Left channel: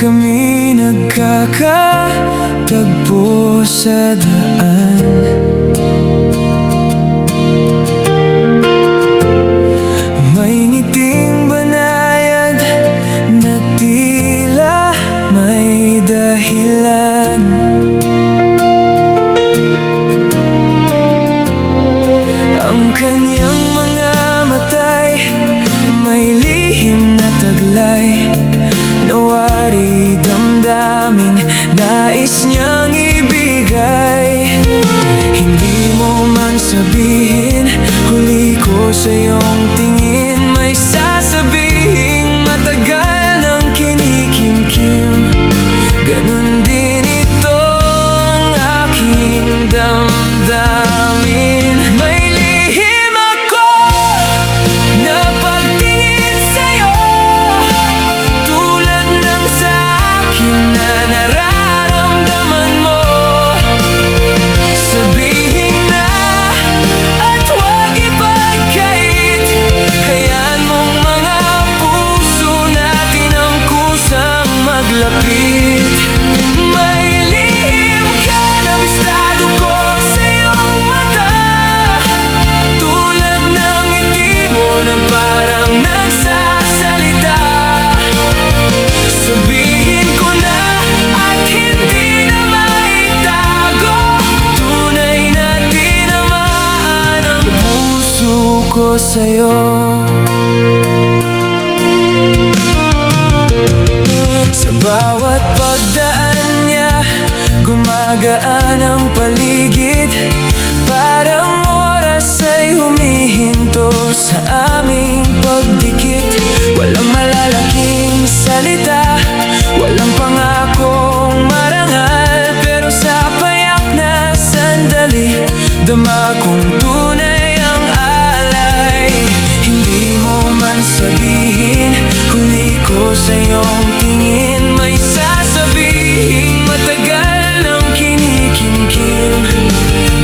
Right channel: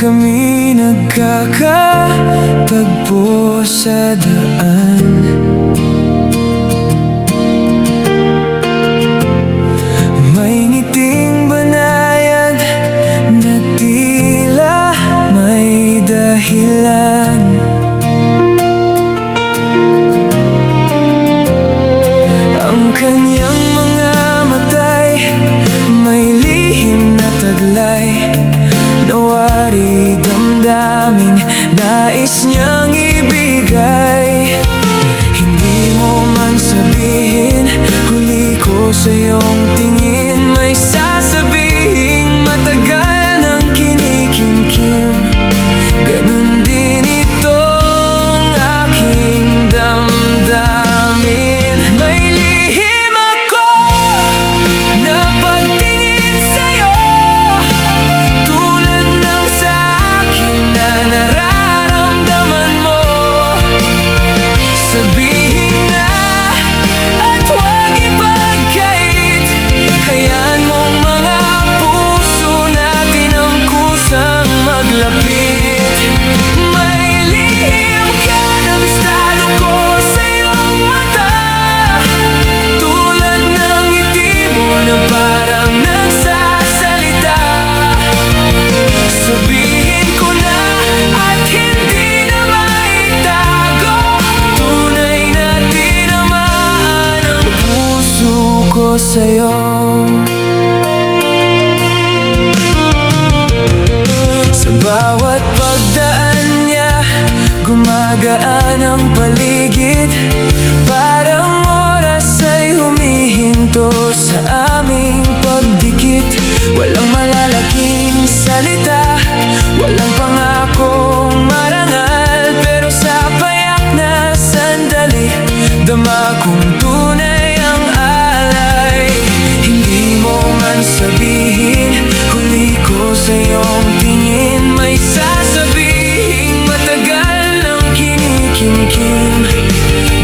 kami nagkakatagpo sa daan. May ngiting banayad na tila may dahilan. Ang kanyang mga matay may lihim na taglay, nawari damdaming nais niyang ibigay. Hindi mo man sabihin, huli ko sa iyong tingin. May sasabihing matagal ng kinikimkim. Ganun din itong aking damdamin. May lihim ako na pagtingin sa'yo, tulad ng sa akin na nararamdaman mo. Sabihin na at huwag ipagkait, hayaan mong mga puso natin ang kusang maglapit. May lihim ka na bistado ko sa iyong mata, tulad ng ngiti mo na parang nagsasalita. Sabihin ko na at hindi na maitago, tunay na tinamaan ang puso ko sa'yo. Sa bawat pagdaan niya, gumagaan ang paligid. Parang oras ay humihinto sa aming pagdikit. Walang malalaking salita, walang pangakong marangal, pero sa payak na sandali, dama kong tunay ang alay. Hindi mo man sabihin, huli ko sa iyong tingin. May sasabihing matagal ng kinikimkim.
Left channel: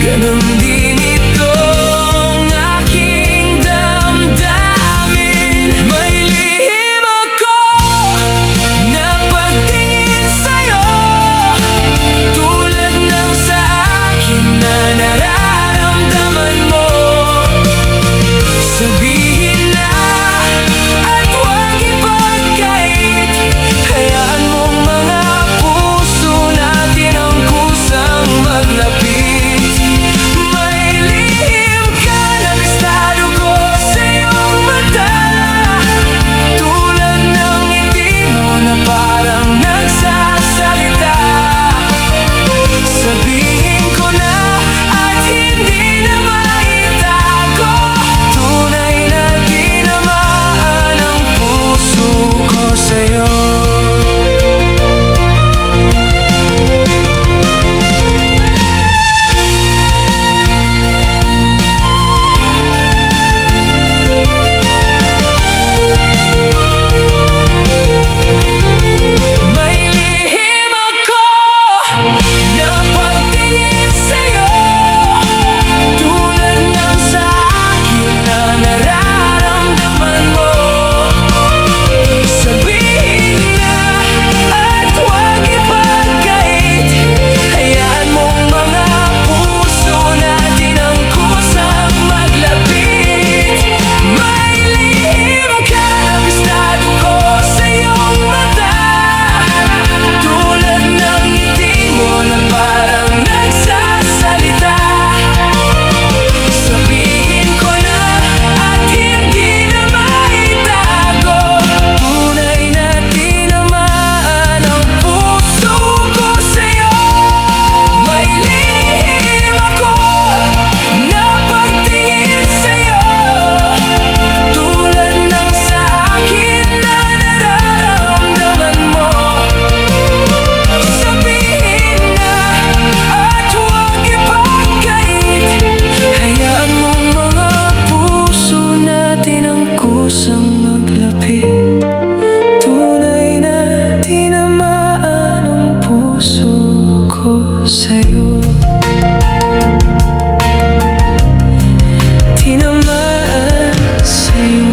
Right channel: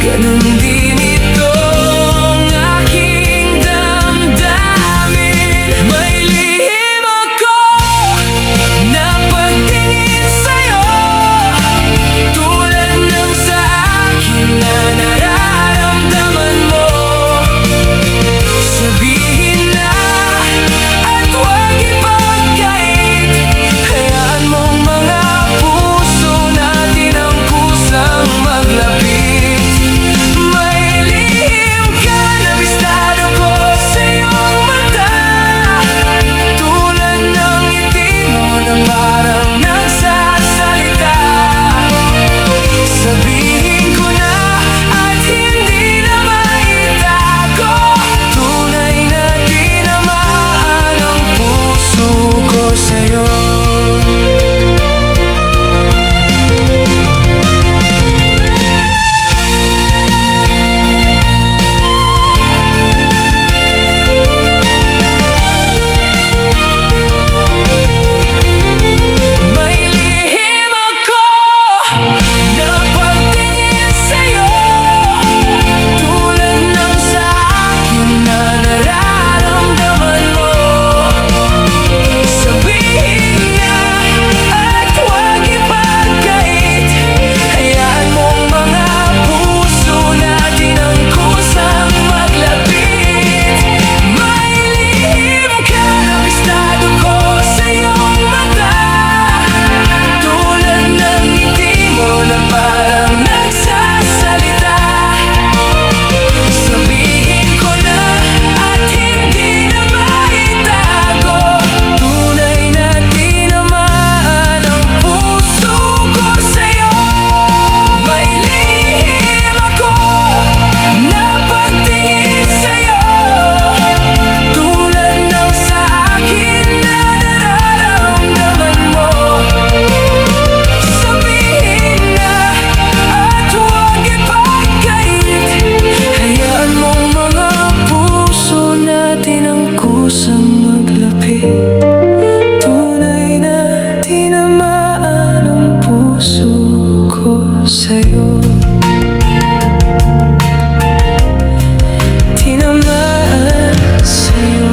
Ganun din itong aking damdamin. May lihim ako na pagtingin sa'yo, tulad ng sa akin na nararamdaman mo. Sabihin na at huwag ipagkait, hayaan mong mga puso natin ang kusang maglapit. May lihim ka na bistado ko sa iyong mata, tulad ng ngiti mo na parang nagsasalita. Sabihin ko na at hindi na maitago, tunay na tinamaan ang puso ko sa'yo. May lihim ako na pagtingin sa'yo, tulad ng sa akin na nararamdaman mo. Sabihin na at huwag ipagkait, hayaan mong mga puso natin ang kusang maglapit. May lihim ka na bistado ko sa iyong mata, tulad ng ngiti mo na parang nagsasalita. Sabihin ko na at hindi na maitago, tunay na tinamaan ang puso ko sa'yo. May lihim ako na pagtingin sa'yo, tulad ng sa akin na nararamdaman mo. Sabihin na at huwag ipagkait, hayaan mong mga puso natin ang kusang maglapit. Tunay na tinamaan ang puso ko sa'yo. Tinamaan sa'yo.